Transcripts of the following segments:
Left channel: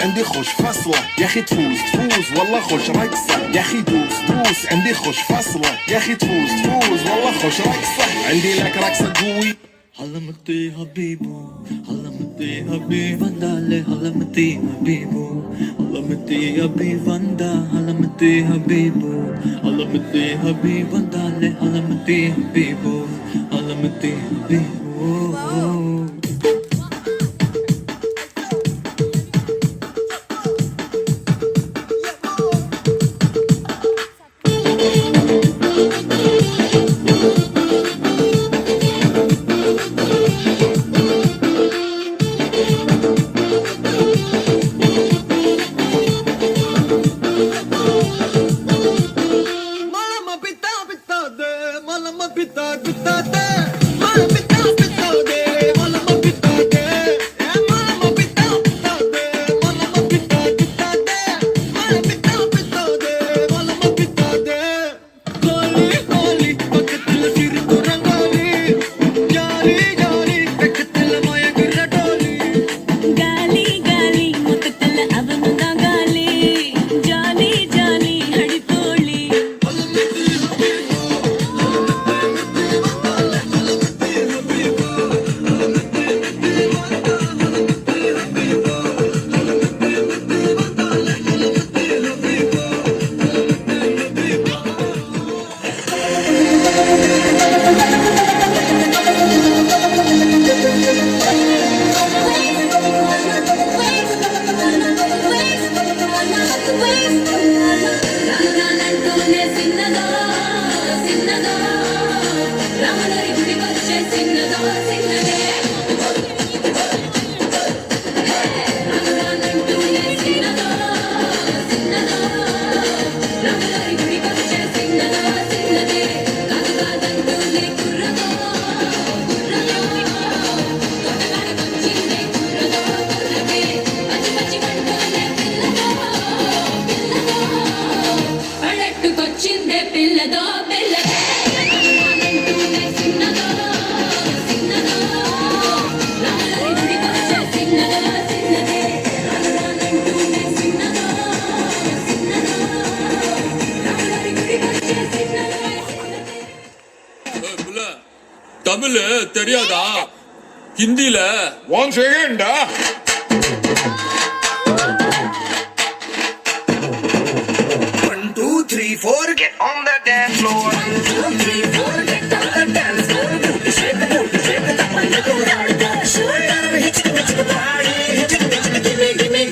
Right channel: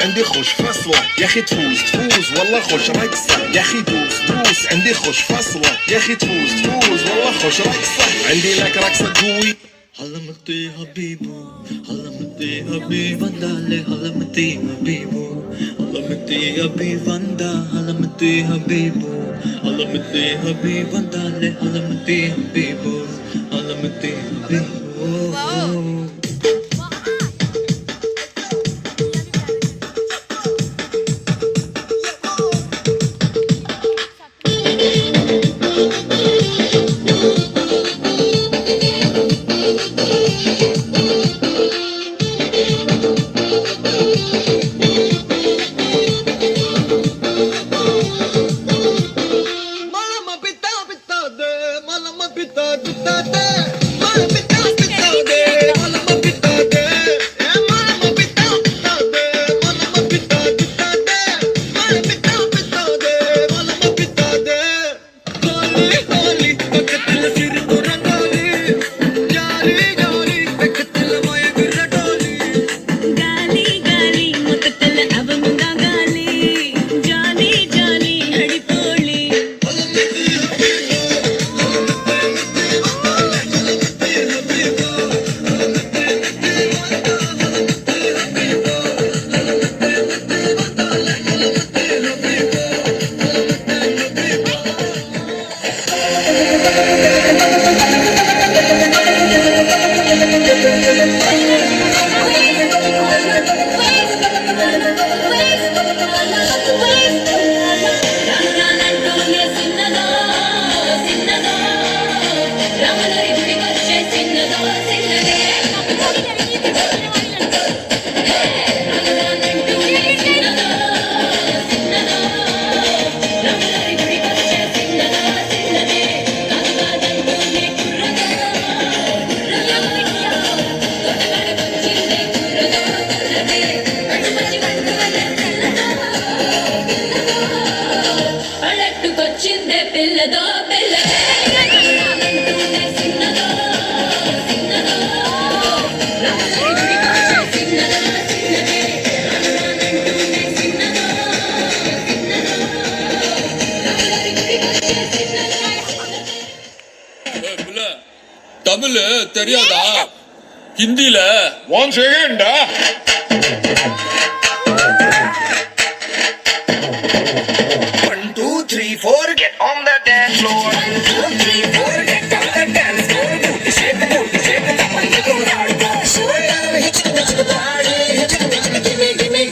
عندي خوش فصلة يا اخي تفوز والله خوش رقصة يا اخي دوس عندي خوش فصلة يا اخي تفوز والله خوش رقصة عندي لك رقصة قوي Halamati Habibu, Halamati Habibandale, Halamati Habibu, Halamati Habibanda, Halamati Habibu, Halamati Habibandale, Halamati Habibu, Halamati Habibu. Tamil தெரியாதா? ஹிந்தில one செகண்டா One, two, three, four, get on the dance floor. 1, 2, 3, 4, get on the dance floor. Booty shake, come on, make it loud. Shoulder, hit the body, hit it, give me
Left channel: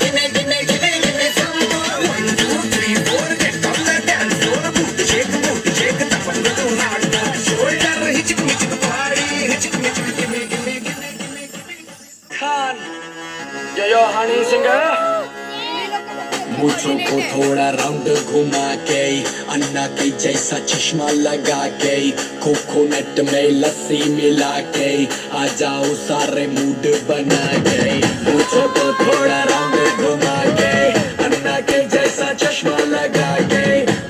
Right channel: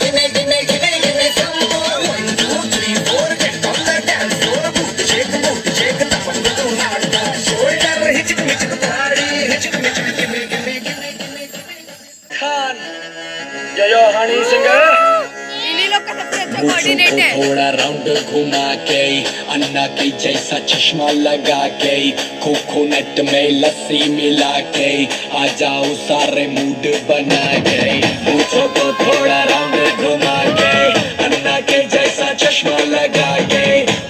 some more. 1, 2, 3, 4, get on the dance floor. Booty shake, come on, make it loud. Shoulder, hit the body, hit it, give me. Khan, Jayo Honey Singer. मुझको थोड़ा round घुमा के अन्ना के जैसा चश्मा लगा के coconut में लस्सी मिला के आ जाओ सारे मूड बना के मुझको थोड़ा राउंड घुमा के अन्ना के जैसा चश्मा लगा के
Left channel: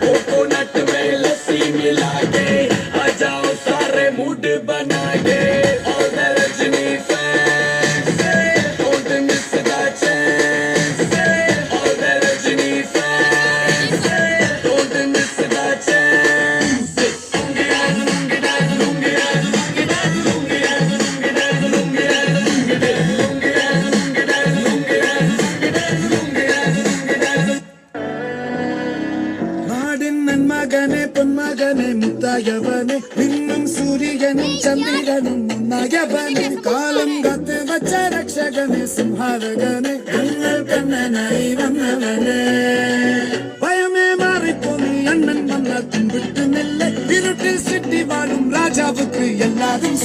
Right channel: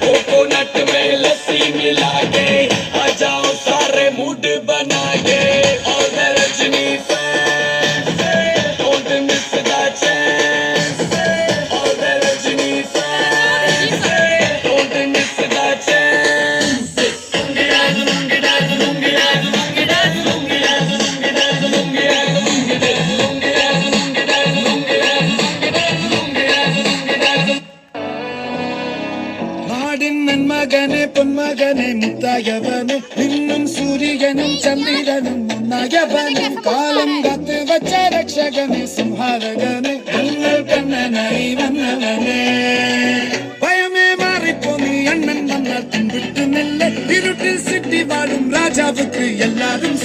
कोकोनट में लस्सी मिला के आ जाओ सारे मूड बना के all the Rajni fans don't miss that chance. பொன்மகனே முத்தாயவனே இன்னும் சூரியனும் சந்திரனும் மன்னயவனே காலம் காத்து வச்ச ரக்ஷகனே சிம்ஹாரகனே எங்கள் கண்ணனை வந்தவனே பயமே மாறிப்போ நீ அண்ணன் வந்தா தின்பிட்டு நெல்ல இருட்டில் சிட்டி வாழும் ராஜாவுக்கு எல்லாரும்